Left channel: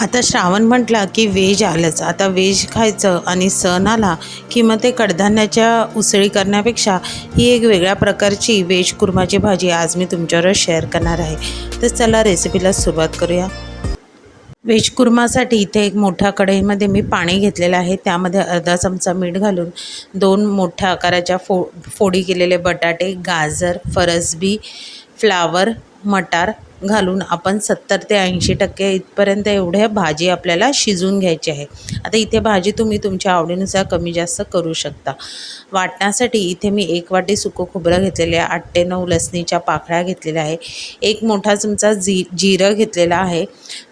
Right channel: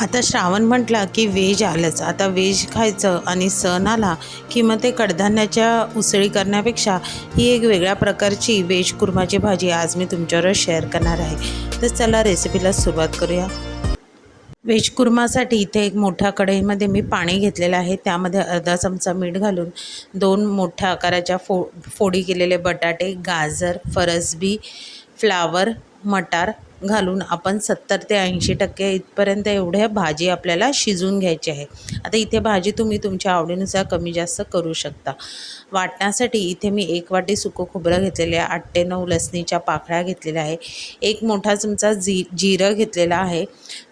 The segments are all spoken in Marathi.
आता श्रावण म्हटला की व्हेज आलंच. आता व्हेज खायचं आणि सण आला की मग ते कडधान्याच्या उसळी करण्यापेक्षा ही एक वेगळ्या प्रकारची व्हेज कुर्माची भाजी आज मी तुमच्याबरोबर शेअर करणार आहे. तर चला रेसिपीला सुरुवात करूया. व्हेज कुर्मासाठी इथे एक मोठ्या कढईमध्ये मी पाणी घेतलेलं आहे. त्यामध्ये अर्धा चमचा मीठ घालून दोन मोठ्या आकाराच्या फो फोडी केलेले बटाटे गाजर फरसबी फ्लावर मटार घालून आपण सत्तर ते ऐंशी टक्के इथपर्यंत एवढ्या भाजी आपल्याला शिजवून घ्यायची आहे. आता इथे भाजी तुम्ही तुमच्या आवडीनुसार कमी जास्त करू शकता. वाटण्यासाठी इथे मी एक वाटी सुकं खोबरं घेतलेले आहे. आठ ते नऊ लसणीच्या पाकळ्या घेतलेल्या आहे. एक मोठा चमचा जी जिरं घेतलेला आहे.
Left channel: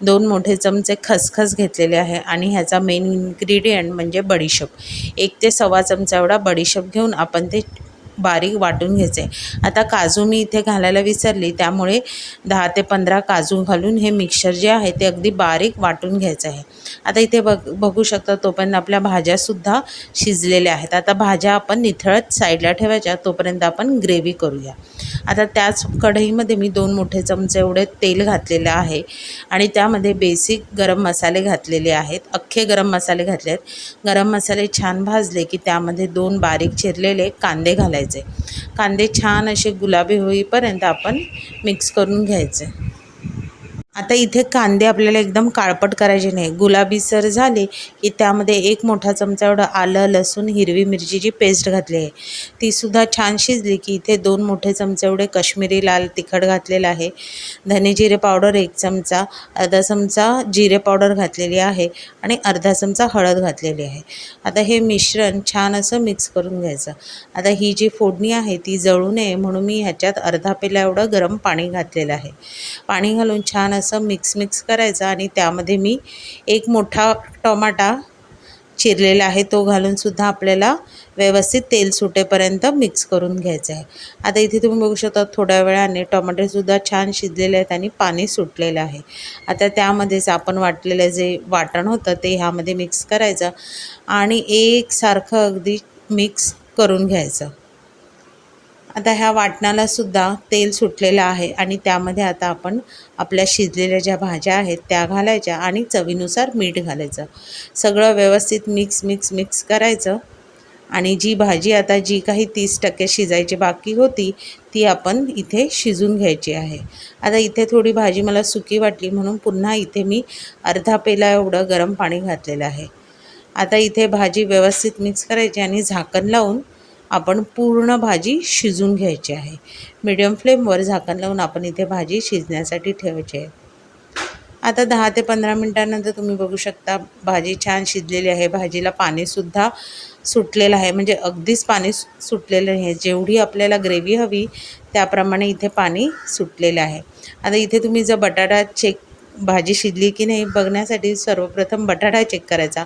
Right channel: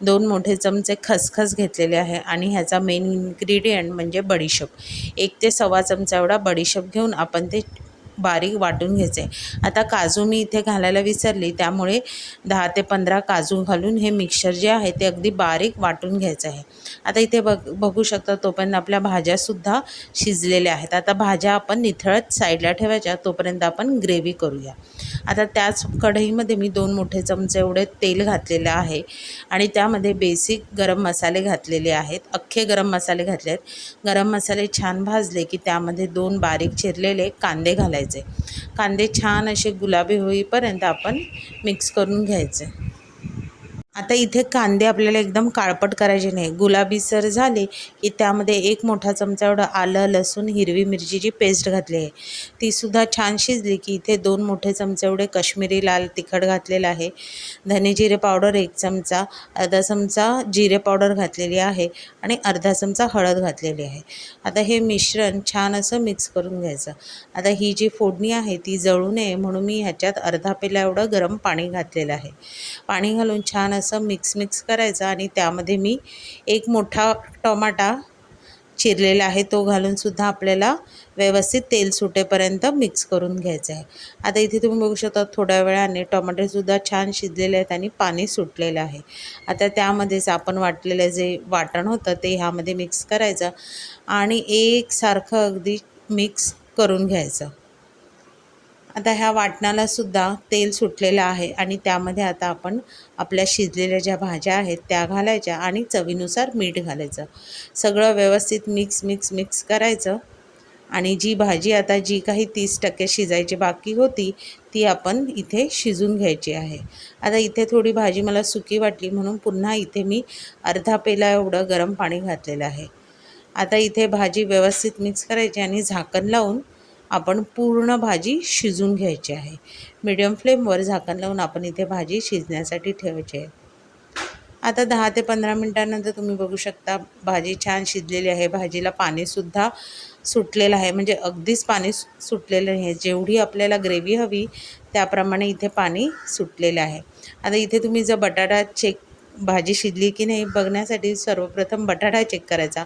दोन मोठे चमचे खसखस घेतलेले आहे आणि ह्याचा मेन इन्ग्रेडियंट म्हणजे बडीशेप. एक ते सव्वा चमचा एवढा बडीशेप घेऊन आपण ते बारीक वाटून घ्यायचे. आता काजू मी इथे घालायला विसरली त्यामुळे दहा ते पंधरा काजू घालून हे मिक्सर जे आहे ते अगदी बारीक वाटून घ्यायचं आहे. आता इथे बघ बघू शकता तोपर्यंत आपल्या भाज्यासुद्धा शिजलेल्या आहेत. आता भाज्या आपण निथळत साईडला ठेवायच्या तोपर्यंत आपण ग्रेव्ही करूया. आता त्याच कढईमध्ये मी दोन मोठे चमचे एवढे तेल घातलेलं आहे आणि त्यामध्ये बेसिक गरम मसाले घातलेले आहेत अख्खे गरम मसाले घातले आहेत. गरम मसाले छान भाजले की त्यामध्ये दोन बारीक चिरलेले कांदे घालायचे. कांदे छान असे गुलाबी होईपर्यंत आपण मिक्स करून घ्यायचे. आता इथे कांदे आपल्याला एकदम काळपट करायचे नाही. गुलाबीसर झाले की त्यामध्ये एक मोठा चमचा एवढं आलं लसूण हिरवी मिरचीची पेस्ट घातली आहे तीसुद्धा छान शिजली की इथे दोन मोठे चमचे एवढे कश्मीरी लाल तिखट घातलेलं आहे. धने जिरे पावडर एक चमचा अर्धा चमचा जिरे पावडर घातलेली आहे आणि अर्धा चमचा हळद घातलेली आहे. आता हे मिश्रण छान असं मिक्स करून घ्यायचं. आता ही जी फोडणी आहे ती जळू नये म्हणून मी ह्याच्यात अर्धा पेला एवढं गरम पाणी घातलेलं आहे. पाणी घालून छान असं असं मिक्स मिक्स करायचं आणि त्यामध्ये मी एक मोठा टोमाटा चिरलेला आहे तो घालूनसुद्धा आपल्याला व्यवस्थित तेल सुटेपर्यंत मिक्स करून घ्यायचं आहे. आता इथे तुम्ही बघू शकता थोड्या वेळाने टोमॅटोसुद्धा छान शिजलेले आहेत आणि पाणी सुटलेलं आहे. आता त्यामध्येच आपण वाटलेलं जे वाटण होतं ते ह्यामध्ये मिक्स करायचं आणि एकसारखं अगदी मिक्स करून घ्यायचं. आता ह्या वाटणाला सुद्धा तेल सुटलेलं आहे आणि त्यामध्ये आता आपण आपल्या शिजलेल्या ज्या भाज्या आहेत त्या घालायच्या आणि चवीनुसार मीठ घालायचं. सगळं व्यवस्थित मिक्स मिक्स मिक्स करायचं आणि जी भाजी आता जी काही तीस टक्के शिजायची बाकी होती ती आपण इथे शिजून घ्यायची आहे. आता इथे थोडी भाजी मला सुकी वाटली म्हणून पुन्हा इथे मी अर्धा पेला एवढं गरम पाणी घातलेलं आहे. आता इथे भाजी व्यवस्थित मिक्स करायची आणि झाकण लावून आपण पूर्ण भाजी शिजून घ्यायची आहे. मीडियम फ्लेमवर झाकण लावून आपण इथे भाजी शिजण्यासाठी ठेवायची आहे. आता दहा ते पंधरा मिनटानंतर तुम्ही बघू शकता भाजी छान शिजलेली आहे. भाजीला पाणीसुद्धा सुटलेलं आहे. म्हणजे अगदीच पाणी सुटलेलं आहे जेवढी आपल्याला ग्रेव्ही हवी त्याप्रमाणे इथे पाणी सुटलेलं आहे. आता इथे तुम्ही जर बटाटा चेक भाजी शिजली की नाही बघण्यासाठी सर्वप्रथम बटाटा चेक करायचा.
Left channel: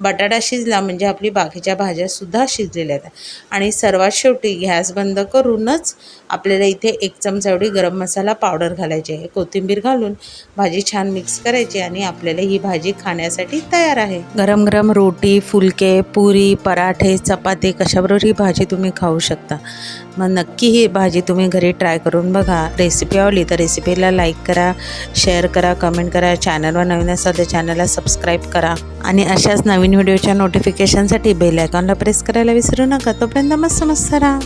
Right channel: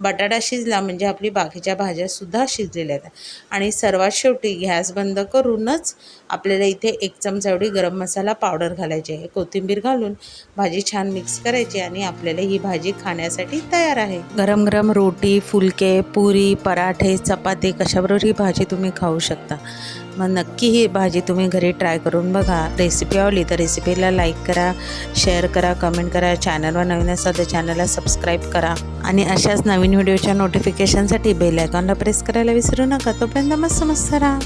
बटाटा शिजला म्हणजे आपली बाकीच्या भाज्यासुद्धा शिजलेल्या आहेत. आणि सर्वात शेवटी गॅस बंद करूनच आपल्याला इथे एक चमचा एवढी गरम मसाला पावडर घालायची आहे. कोथिंबीर घालून भाजी छान मिक्स करायची आणि आपल्याला ही भाजी खाण्यासाठी तयार आहे. गरम गरम रोटी फुलके पुरी पराठे चपाती कशाबरोबर ही भाजी तुम्ही खाऊ शकता. मग नक्की ही भाजी तुम्ही घरी ट्राय करून बघा. रेसिपी आवडली तर रेसिपीला लाईक करा शेअर करा कमेंट करा. चॅनलवर नवीन असाल तर चॅनलला सबस्क्राईब करा. आणि अशाच नवीन व्हिडिओच्या नोटिफिकेशनसाठी बेल आयकॉनला प्रेस करायला विसरू नका. तोपर्यंत मस्त मस्त राहा.